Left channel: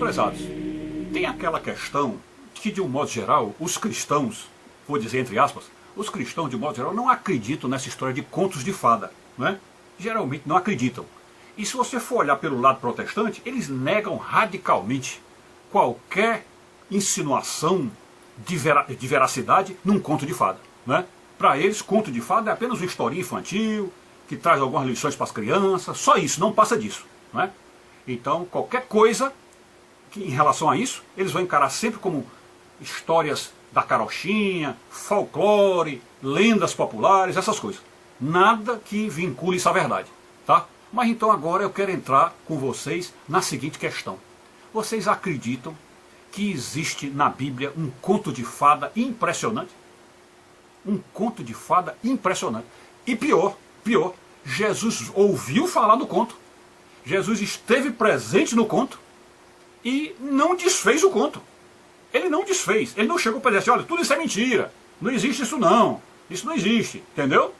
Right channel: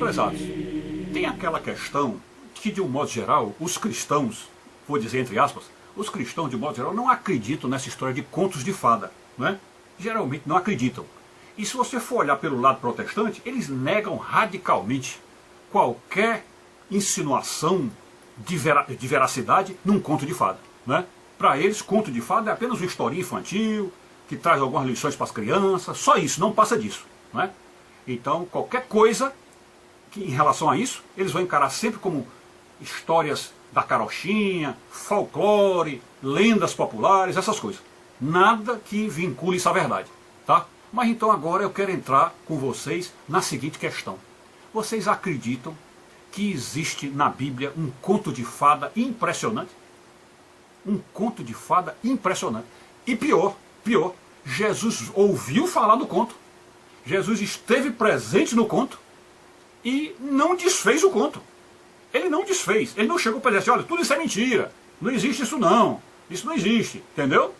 prezados, tem aquela questão que, de um modo geral, os cristãos, vou dizer entre aspas, os cristãos, de um modo geral, não acreditam nessa história de contos de fada, né? Geralmente não acreditam. E se você for olhar pelo lado protestante, eles negam radicalmente qualquer insinuação de veracidade num conto de fada, né? Para eles, conto de fada é apenas uma historinha infantil, que traz algumas lições para as crianças, só isso, não passa disso, né? Então, qualquer coisa que, em relação a isso, eles vão encarar sempre como histórias da carochinha, folclore, lendas populares, essas coisas. Nada que vincule isso à verdade, tá? Mas então agora eu quero entrar com vocês na seguinte questão. Vocês acreditam que existe na Bíblia um conto de fada impressionante? Um conto de fada impressionante. E pior, Jesus ouviu falar do conto. Jesus esteve presente no conto e não desfez o conto. Ele não desfez, ele não chegou para dizer assim, olha, tudo isso é mentira, não existe isso não existe, entendeu?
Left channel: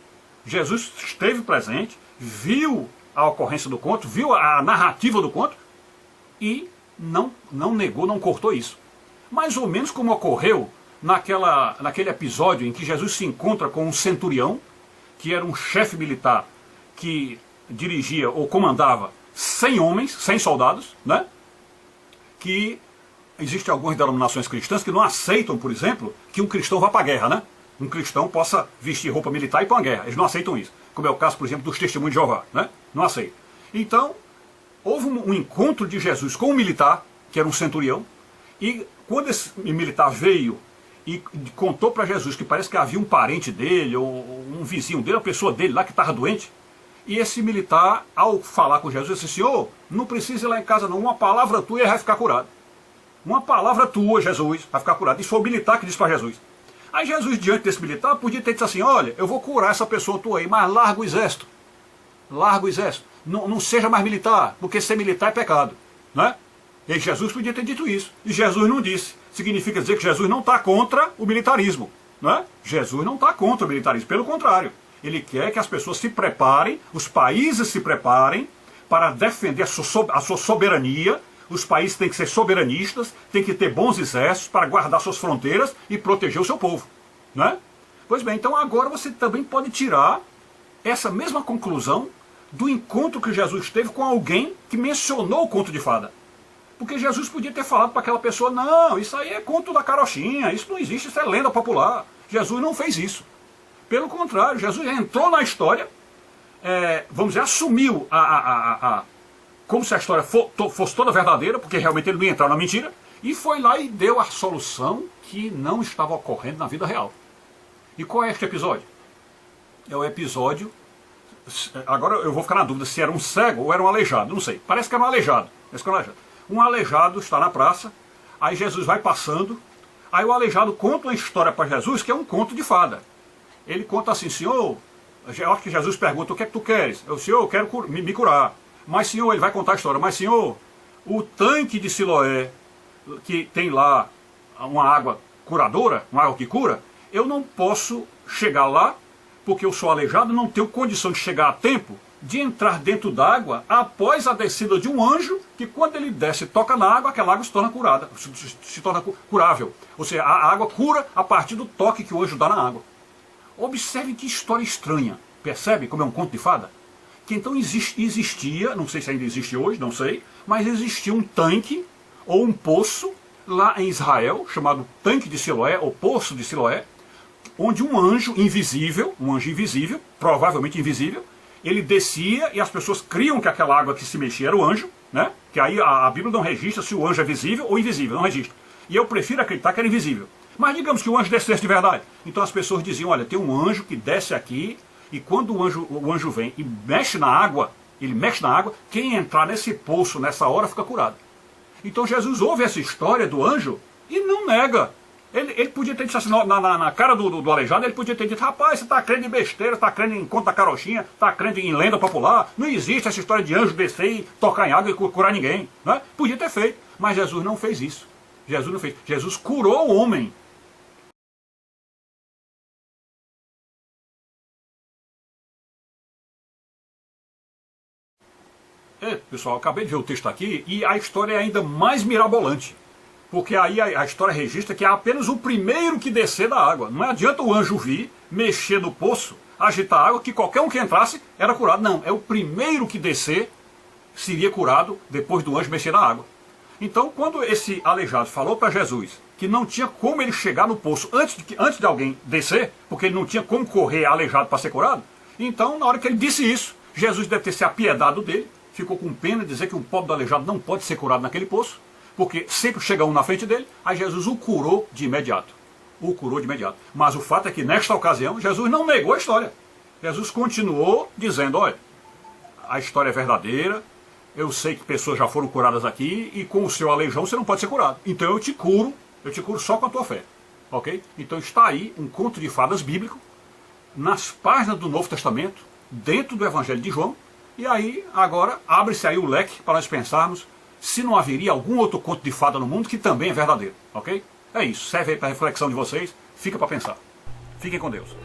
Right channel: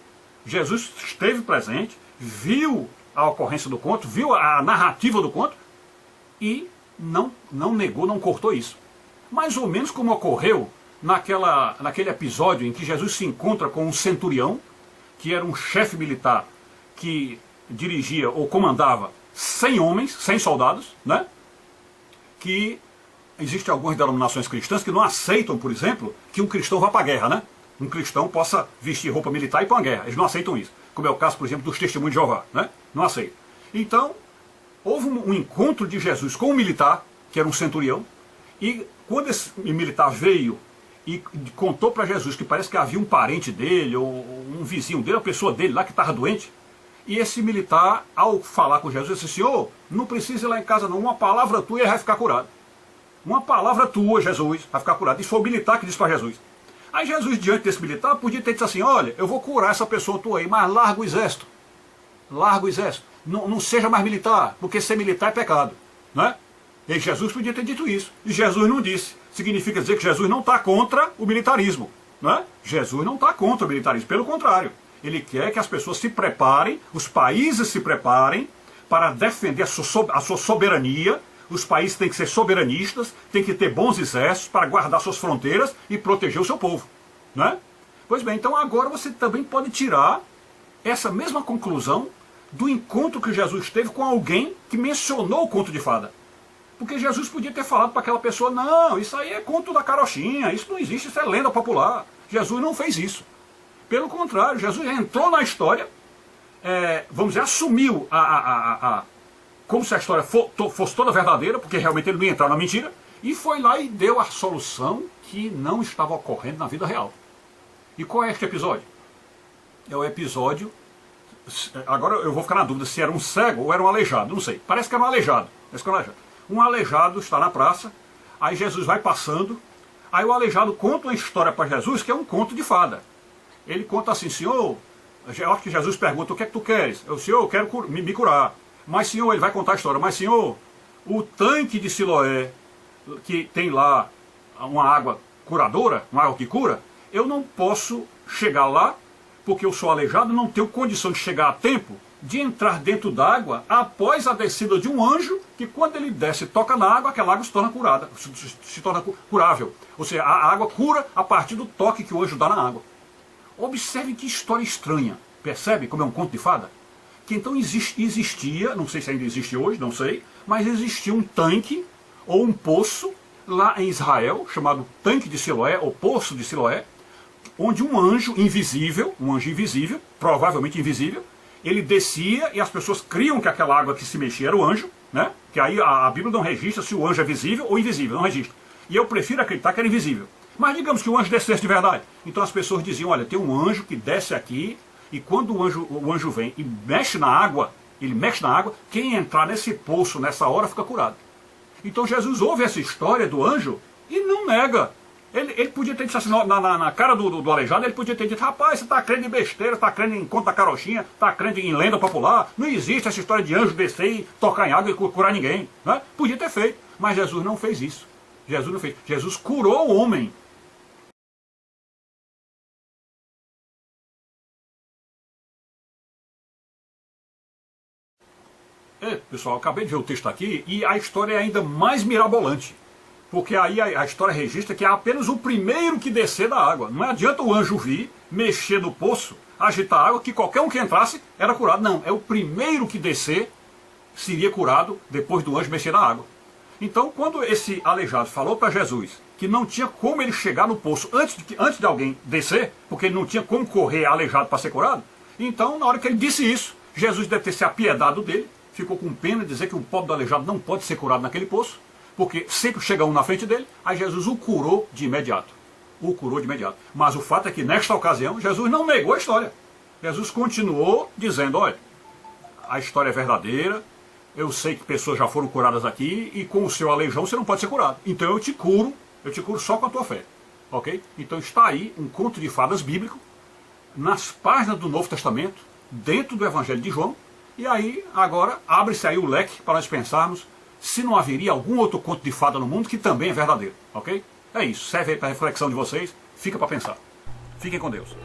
Jesus esteve presente, viu a ocorrência do conto, viu a narrativa do conto e não negou, não cortou isso. Mais ou menos como ocorreu naquele episódio em que Jesus se encontra com um centurião, que era um chefe militar que dirigia ou comandava 100 homens, 100 soldados, né? Que existem algumas denominações cristãs que não aceitam, por exemplo, que um cristão vá para a guerra, né? Um cristão possa vestir roupa militar e ir para uma guerra. Eles não aceitam isso. Como é o caso, por exemplo, dos testemunhos de Jeová, né? Não aceitam. Então, houve um encontro de Jesus com um militar, que era um centurião, e quando esse militar veio e contou para Jesus que parece que havia um parente dele, ou um vizinho dele, uma pessoa dele lá que estava doente, e esse militar, ao falar com Jesus, disse, Senhor, não precisa ir lá em casa não, uma palavra tua e ele vai ficar curado. Uma palavra tua, Jesus, vai ficar curado. Isso foi o militar que disse para Jesus. Aí Jesus, diante desse militar, podia ter dito assim, olha, eu vou curar essa pessoa tua aí, mas larga o exército. Larga o exército. Não seja mais militar, porque ser militar é pecado, né? E Jesus podia ter dito isso. E Jesus não disse. Significa dizer que Jesus não está contra o militarismo, né? Jesus não está contra o militarismo, pelo contrário. Ele quer que as pessoas se preparem, os países se preparem para defender a sua soberania. Os países têm que ser soberanistas, têm que ter bons exércitos para guardar suas fronteiras e proteger o seu povo, né? Pois bem, então agora você também pode tirar essa mesma conclusão do encontro que Jesus teve com alguém que mencionou o conto de fada. Porque Jesus podia ter falado para aquela pessoa, não, isso aí é conto da carochinha, isso não existe, isso é lenda popular. Jesus não fez isso. Pelo contrário, Jesus entrou na história, vamos dizer, assumiu como se a história fosse toda verdadeira, porque realmente ele não ia entrar na mentira, e foi lá e deu a solução que não estava ocorrendo na vida real. E qual é este episódio? É o episódio, agora eu vou ficar na dúvida se era um cego ou era um aleijado, não sei, parece que era um aleijado. Um aleijado está na praça, aí Jesus vai passando, aí o aleijado conta uma história para Jesus que é um conto de fada. Ele conta assim, Senhor, eu acho que Jesus pergunta, o que é que tu queres? Senhor, eu quero me curar. Mas, Senhor, ele vai contar a história, mas, Senhor, o tanque de Siloé, que tem lá uma água curadora, uma água que cura, eu não posso chegar lá, porque eu sou aleijado, não tenho condição de chegar a tempo de entrar dentro d'água após a descida de um anjo, que quando ele desce e toca na água, aquela água se torna curada, se torna curável. Ou seja, a água cura a partir do toque que o anjo dá na água. Observe que história estranha, percebe como é um conto de fada? Que então existia, não sei se ainda existe hoje, não sei, mas existia um tanque ou um poço lá em Israel, chamado Tanque de Siloé, ou Poço de Siloé, onde um anjo invisível, provavelmente invisível, ele descia e as pessoas criam que aquela água que se mexia era o anjo, né? Que aí a Bíblia não registra se o anjo é visível ou invisível, não registra. E eu prefiro acreditar que era invisível. Mas digamos que o anjo descesse de verdade. Então as pessoas diziam, olha, tem um anjo que desce aqui, e quando o anjo vem e mexe na água, quem entrar nesse poço nessa hora fica curado. Então Jesus ouve essa história do anjo e não nega. Ele podia ter dito assim, na cara do aleijado, ele podia ter dito, rapaz, você está crendo em besteira, está crendo em conto da carochinha, está crendo em lenda popular, não existe essa história de anjo descer e tocar em água e curar ninguém, né? Podia ter feito, mas Jesus não fez isso. Jesus não fez. Jesus curou o homem. pessoal, eu acabei de ver o texto aqui e a história é ainda mais mirabolante. Porque aí a história registra que é apenas o primeiro que descer da água. Não adianta o anjo vir, mexer no poço, agitar a água, que qualquer um que entrasse era curado. Não, é o primeiro que descer seria curado depois do anjo mexer na água. Então, quando esse aleijado falou para Jesus que não tinha como ele chegar no poço antes de alguém descer, porque ele não tinha como correr aleijado para ser curado, então, na hora que ele disse isso, Jesus deve ter se apiedado dele, ficou com pena de dizer que o pobre do aleijado não pode ser curado naquele poço, porque sempre chega um na frente dele, aí Jesus o curou de imediato. O curou de imediato. Mas o fato é que, nesta ocasião, Jesus não negou a história. Jesus continuou dizendo, olha, a história é verdadeira, eu sei que pessoas já foram curadas aqui, e com o seu aleijão você não pode ser curado. Então eu te curo só com a tua fé. Ok? Então está aí um conto de fadas bíblico, nas páginas do Novo Testamento, dentro do Evangelho de João, e aí agora abre-se aí o leque para nós pensarmos se não haveria algum outro conto de fada no mundo que também é verdadeiro, ok? É isso, serve aí para a reflexão de vocês, fica para pensar. Fiquem com Deus.